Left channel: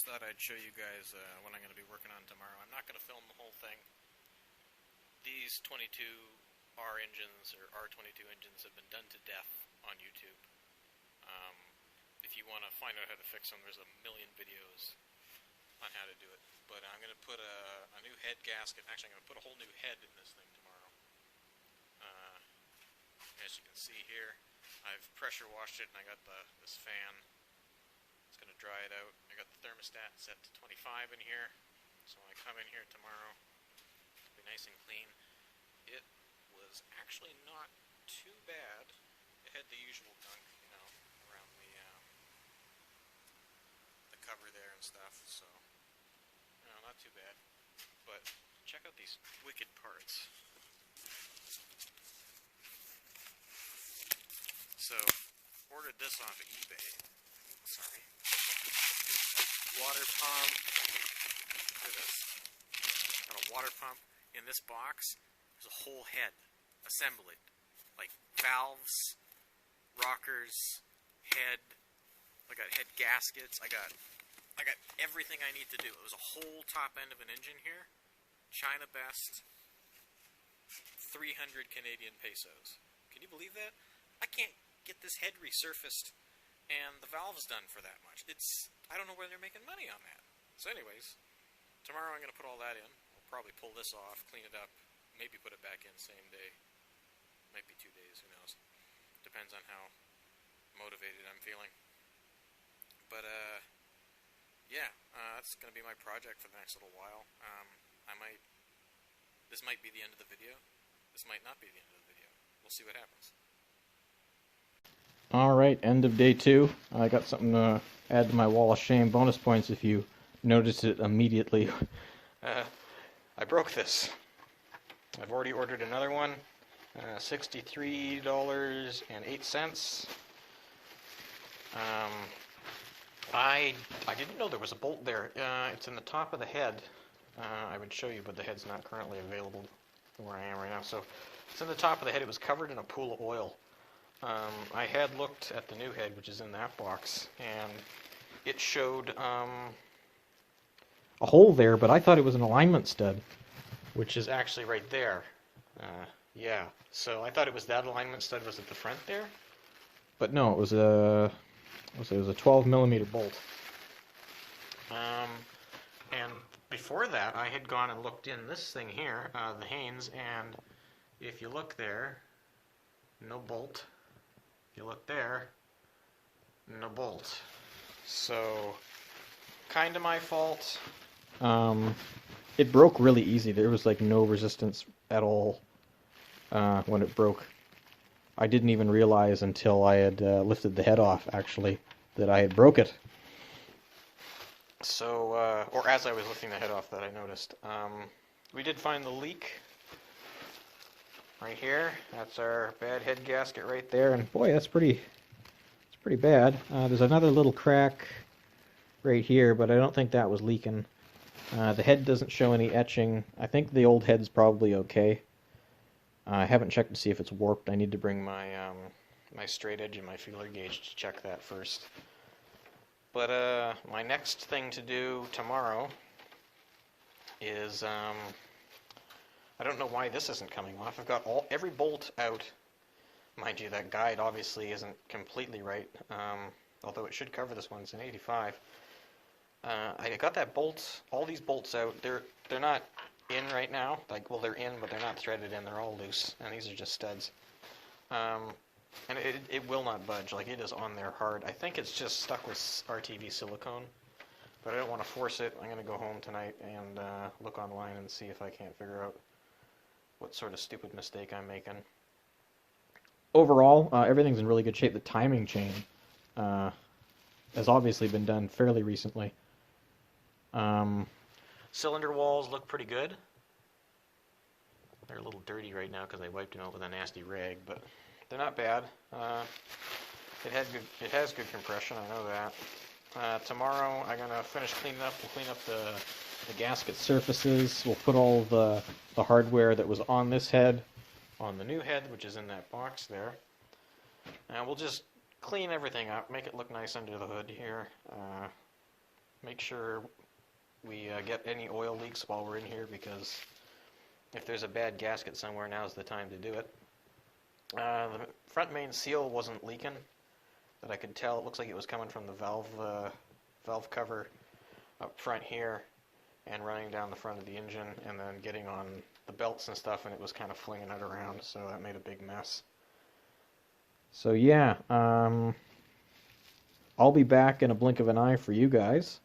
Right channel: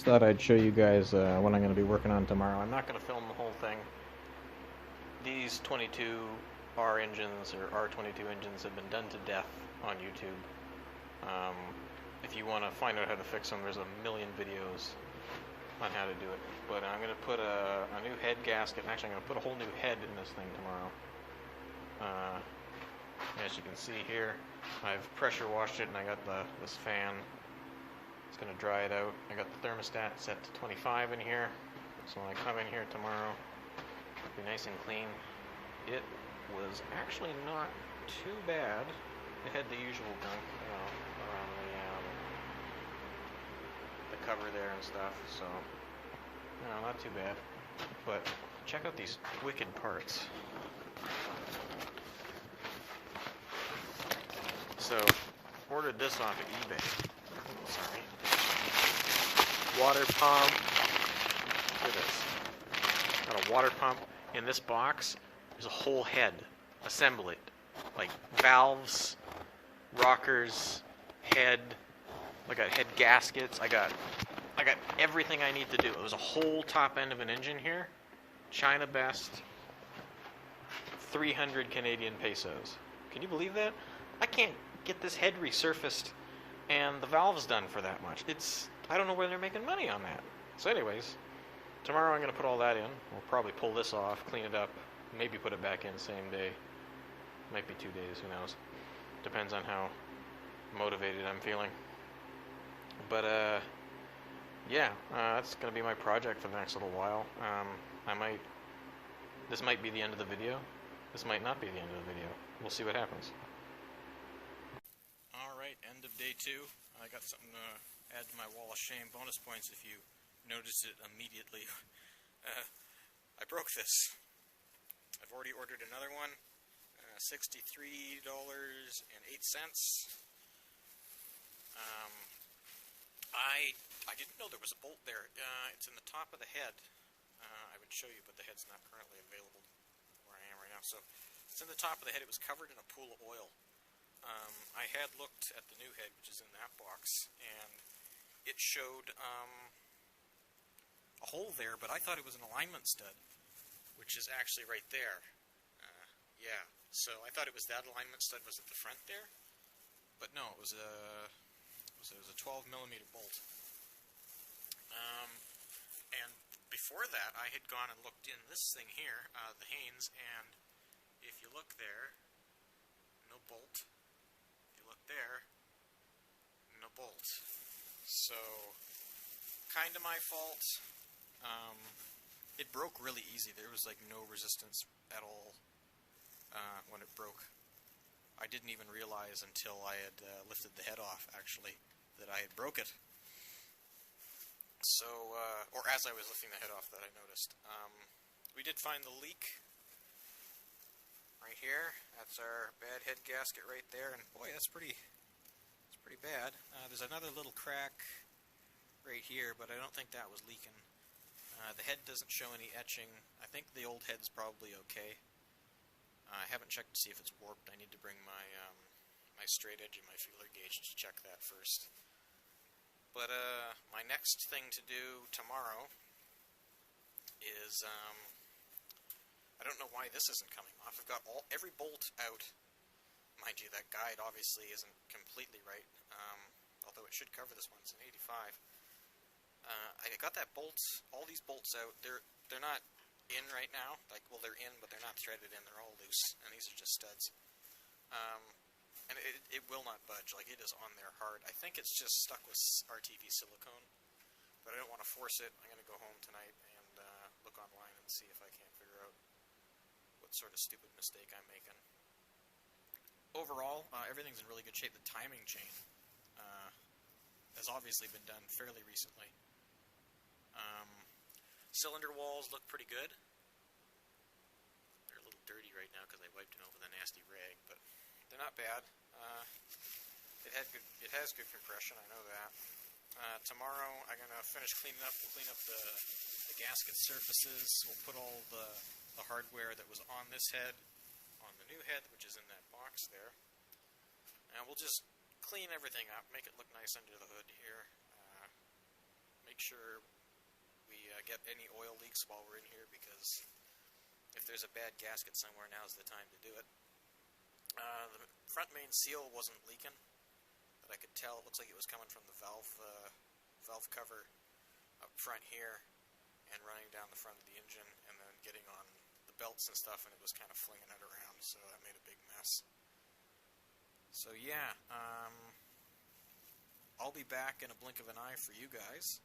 Just thought I'd show you guys what I'm going to be working on tomorrow. I'm not going to film the whole thing. These 22R engines or R22 engines have been done to death on YouTube. Um, if you want to find out how to fix them, there's a million videos on how to do it. But I'm going to put a new head gasket. Actually, I'm going to put a whole new head in this thing tomorrow. As you can see here, I've pressure washed it and I got this fan. It's going to dry it out. I got the thermostat set to 25 in here, so when I come in here tomorrow, it'll be nice and clean. It was actually not too bad. It had the usual gunk, around the cover there and stuff, so not too bad. But check out these wicked parts. So, ordered this off of eBay. Sorry. Water pump. Look at this. Got a water pump. In this box, there's a whole head assembly. Like valves, rockers, head. I got head gaskets. I got everything I need to do. It was a whole top end of an engine here. China best. 300 Canadian pesos. Can you believe that? I can't get this head resurfaced and the valves done for that much. I don't know where they're making money on that. So anyways, tomorrow I'm going to put all that in. We'll probably pull this off, clean it up, maybe put it back in same day. Might be 2 days, who knows. Depends on how motivated I'm feeling. But that's going to be my project for the next little while. This might be the end of the video. This might not be the end of the video. We'll see what happens. Alright, end of day 2. I got something to add to my wall of shame. Bonus points if you notice it immediately. I broke this. I've already ordered another one. $63.08. I didn't know there was a bolt there. It's in the top of the head. I would show you, but the head's not currently available where I am right now. So it's in the top of the head. It was covered in a pool of oil. I had looked at the new head, which is in that box, and it showed a hole there, but I thought it was an alignment stud, which is actually right there. Yeah, so I thought it was that alignment stud was at the front there, but no, it was a 12 millimeter bolt. And before that, I had gone and looked in this thing here, the Haynes, and if you look there, no bolt. If you look there, no bolt. So, kind of my fault. It broke really easy. There was like no resistance at all when it broke. I didn't even realize until I had lifted the head off, actually, that I had broke it. So, or as I was lifting the head off that I noticed. We did find the leak. Right here, that's our bad head gasket right there, and boy, it's pretty bad. There's another little crack right here, but I don't think that was leaking. The head doesn't show any etching. I think the old head's probably okay. I haven't checked to see if it's warped. I need to bring my my straight edge and my feeler gauge to check that first. But my next thing to do tomorrow is I don't know why this isn't coming off. I've got every bolt out. Mind you, that guide obviously isn't completely right, although it should cover this one. It's an 85. I got that all these bolts out. They're not in right now. They're in, but they're not threaded in. They're all loose, and these are just studs. And it will not budge. Like, it is on there hard. I think it's just stuck with RTV silicone, but I don't want to force it. I'm going to go home tonight and look online and see if I can't figure out what sort of stupid mistake I'm making. Overall, everything's in really good shape. The timing chain has obviously been done fairly recently. Cylinder walls look pretty good. They're a little dirty right now because I wiped them out with a nasty rag, but they're not bad. It has good compression, I know that. Tomorrow I'm going to finish cleaning up. We'll clean up the gasket surfaces. We'll put all the hardware that was on this head on the new head, which is in that box there. And we'll just clean everything up, make it look nice under the hood here. make sure we get any oil leaks while we're in here, because if there's a bad gasket somewhere, now's the time to do it. The front main seal wasn't leaking, but I could tell. It looks like it was coming from the valve cover up front here and running down the front of the engine and then getting on the belts and stuff, and it was kind of flinging it around, so that made a big mess. So yeah, I'll be back in a blink of an eye for you guys,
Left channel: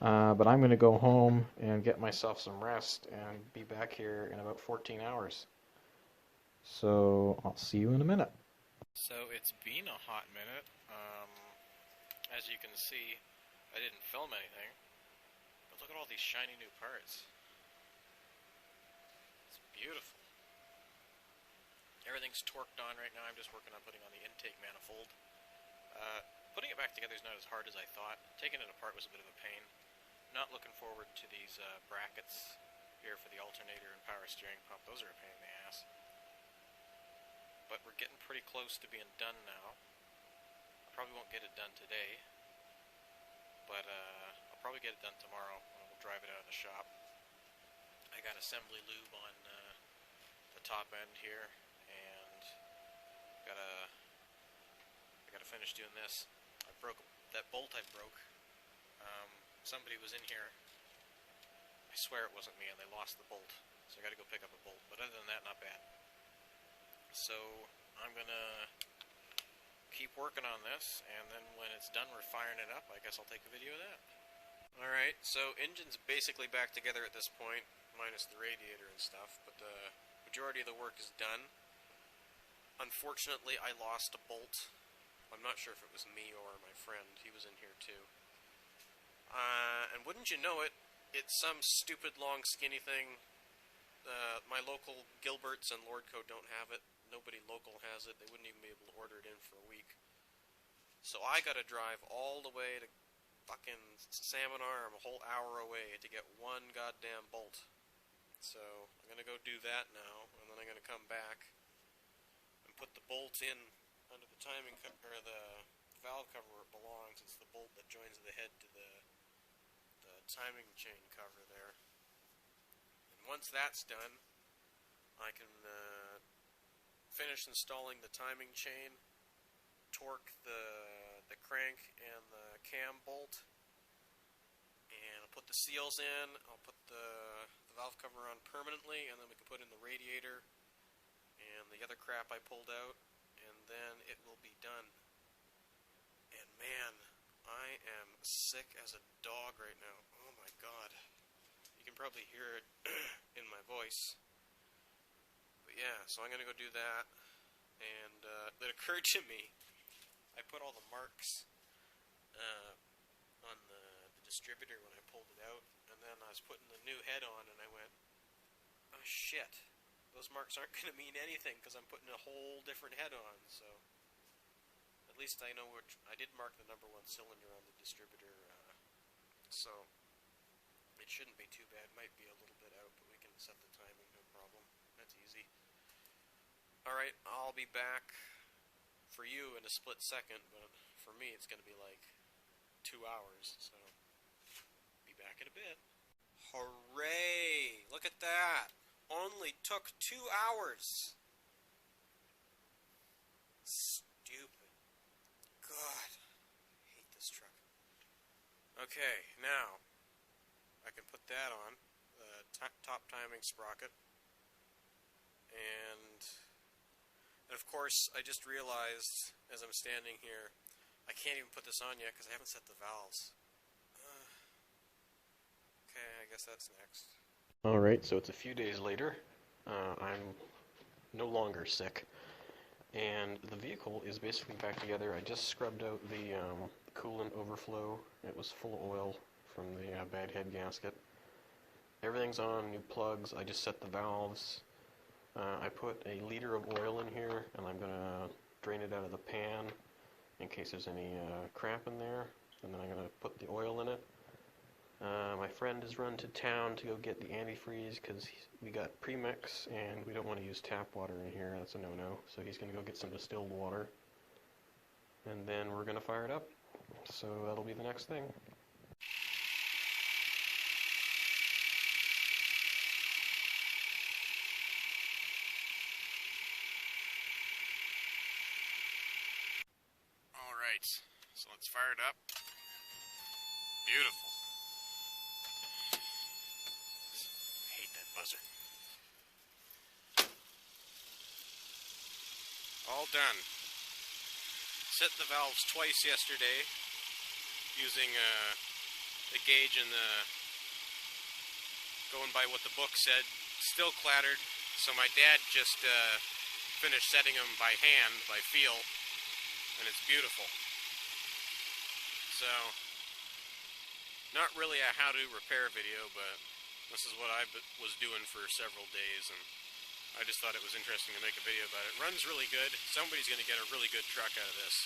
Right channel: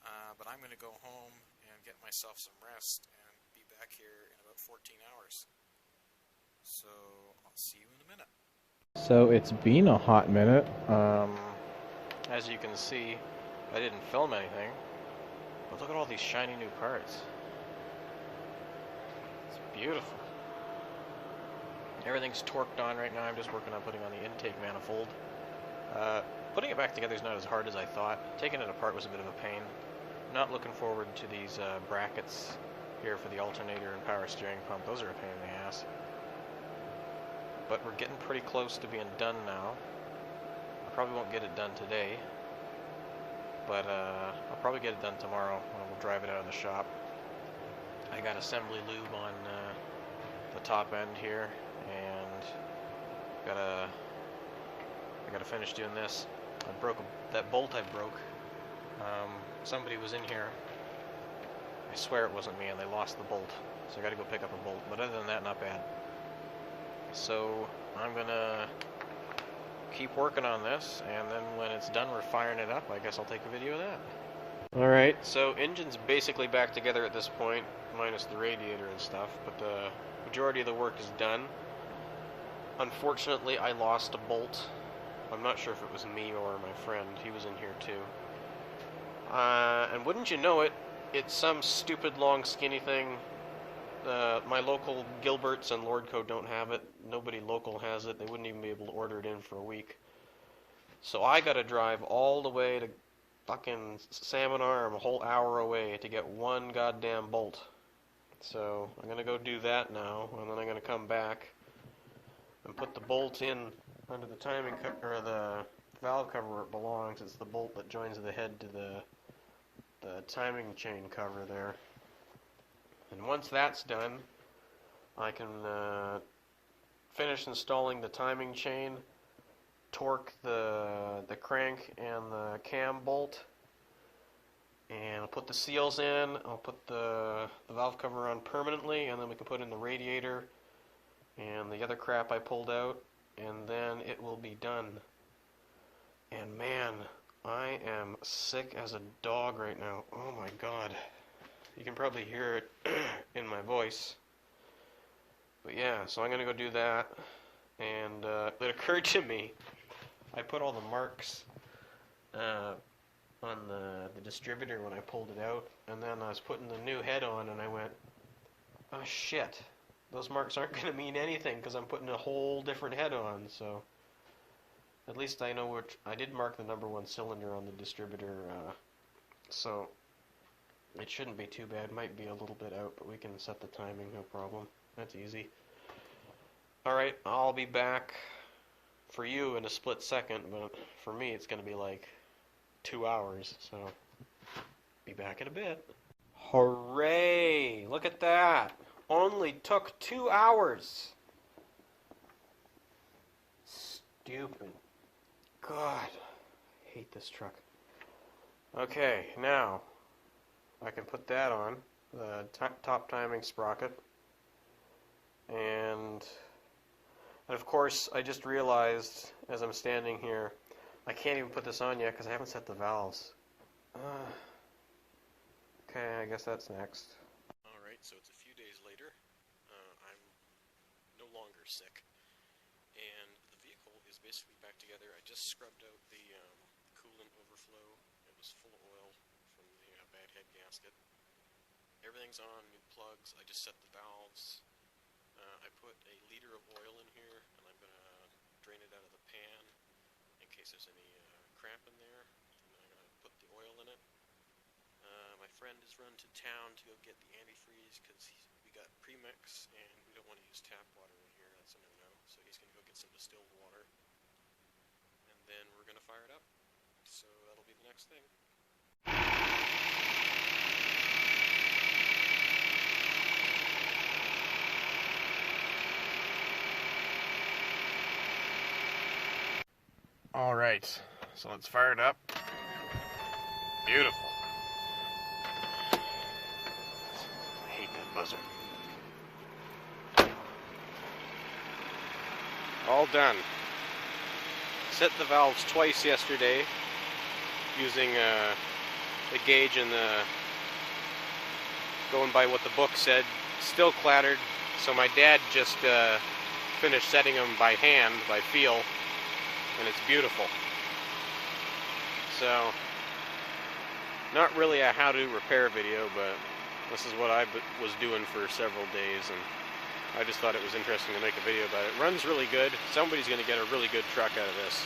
but I'm going to go home and get myself some rest and be back here in about 14 hours. So I'll see you in a minute. So it's been a hot minute. As you can see, I didn't film anything, but look at all these shiny new parts. It's beautiful. Everything's torqued on right now. I'm just working on putting on the intake manifold. Putting it back together is not as hard as I thought. Taking it apart was a bit of a pain. Not looking forward to these brackets here for the alternator and power steering pump. Those are a pain in the ass. But we're getting pretty close to being done now. I probably won't get it done today, but I'll probably get it done tomorrow when we'll drive it out of the shop. I got assembly lube on the top end here, and I gotta finish doing this. I broke that bolt. I broke. Somebody was in here. I swear it wasn't me, and they lost the bolt. So I got to go pick up a bolt. But other than that, not bad. So I'm gonna keep working on this, and then when it's done, we're firing it up. I guess I'll take a video of that. All right. So engine's basically back together at this point, minus the radiator and stuff. But the majority of the work is done. Unfortunately, I lost a bolt. I'm not sure if it was me or my friend. He was in here too. And wouldn't you know it, it's some stupid long skinny thing. My local Gilberts and Lordco don't have it. Nobody local has it. They wouldn't even be able to order it in for a week. So I gotta drive all the way to fucking Salmon Arm, a whole hour away, to get one goddamn bolt. So I'm gonna go do that now, and then I'm gonna come back and put the bolt in under the timing or the valve cover where it belongs. It's the bolt that joins the head to the timing chain cover there. And once that's done, I can finish installing the timing chain, torque the crank and the cam bolt, and I'll put the seals in. I'll put the valve cover on permanently, and then we can put in the radiator and the other crap I pulled out, and then it will be done. And man, I am sick as a dog right now. Oh my god. You can probably hear it in my voice. But yeah, so I'm going to go do that. And it occurred to me, I put all the marks on the distributor when I pulled it out. And then I was putting the new head on, and I went, oh shit. Those marks aren't going to mean anything because I'm putting a whole different head on. So at least I know which. I did mark the number 1 cylinder on the distributor, so it shouldn't be too bad. Might be a little bit out, but we can set the timing, no problem. That's easy. Alright, I'll be back for you in a split second, but for me it's going to be like 2 hours, so be back in a bit. Hooray! Look at that! Only took 2 hours! Stupid. God, I hate this truck. Okay, now I can put that on, the top timing sprocket, and of course I just realized as I'm standing here, I can't even put this on yet because I haven't set the valves. Okay, I guess that's next. Alright, so it's a few days later. I'm no longer sick. And the vehicle is basically back together. I just scrubbed out the coolant overflow. It was full of oil from the bad head gasket. Everything's on, new plugs. I just set the valves. I put a liter of oil in here, and I'm going to drain it out of the pan in case there's any crap in there. And then I'm going to put the oil in it. My friend has run to town to go get the antifreeze because we got premix and we don't want to use tap water in here. That's a no-no. So he's going to go get some distilled water, and then we're going to fire it up. So that'll be the next thing. All right, so let's fire it up. Beautiful. I hate that muzzle. All done. Set the valves twice yesterday using the gauge and going by what the book said. Still clattered, so my dad just finished setting them by hand, by feel, and it's beautiful. So, not really a how-to repair video, but this is what I was doing for several days, and I just thought it was interesting to make a video about it. It runs really good. Somebody's going to get a really good truck out of this.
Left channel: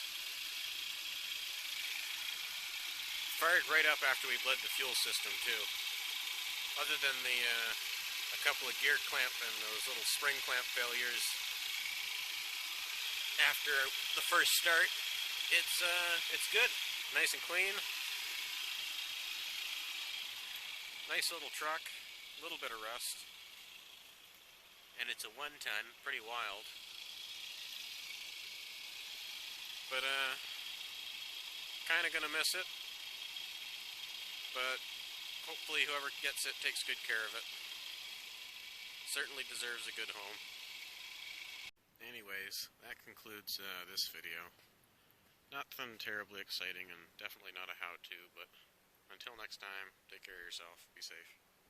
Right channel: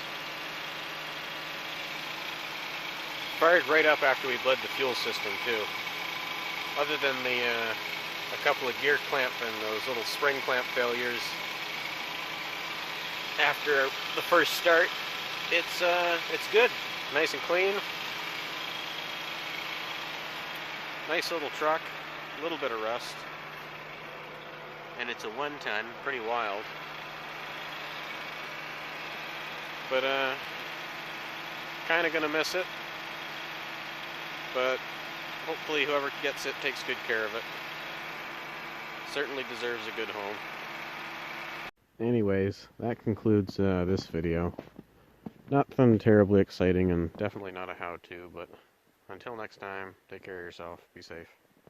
Fired right up after we bled the fuel system, too. Other than a couple of gear clamp and those little spring clamp failures, after the first start, it's good. Nice and clean. Nice little truck. A little bit of rust. And it's a 1-ton, pretty wild. But kind of gonna miss it. But hopefully whoever gets it takes good care of it. Certainly deserves a good home. Anyways, that concludes this video. Nothing terribly exciting and definitely not a how-to, but until next time, take care of yourself, be safe.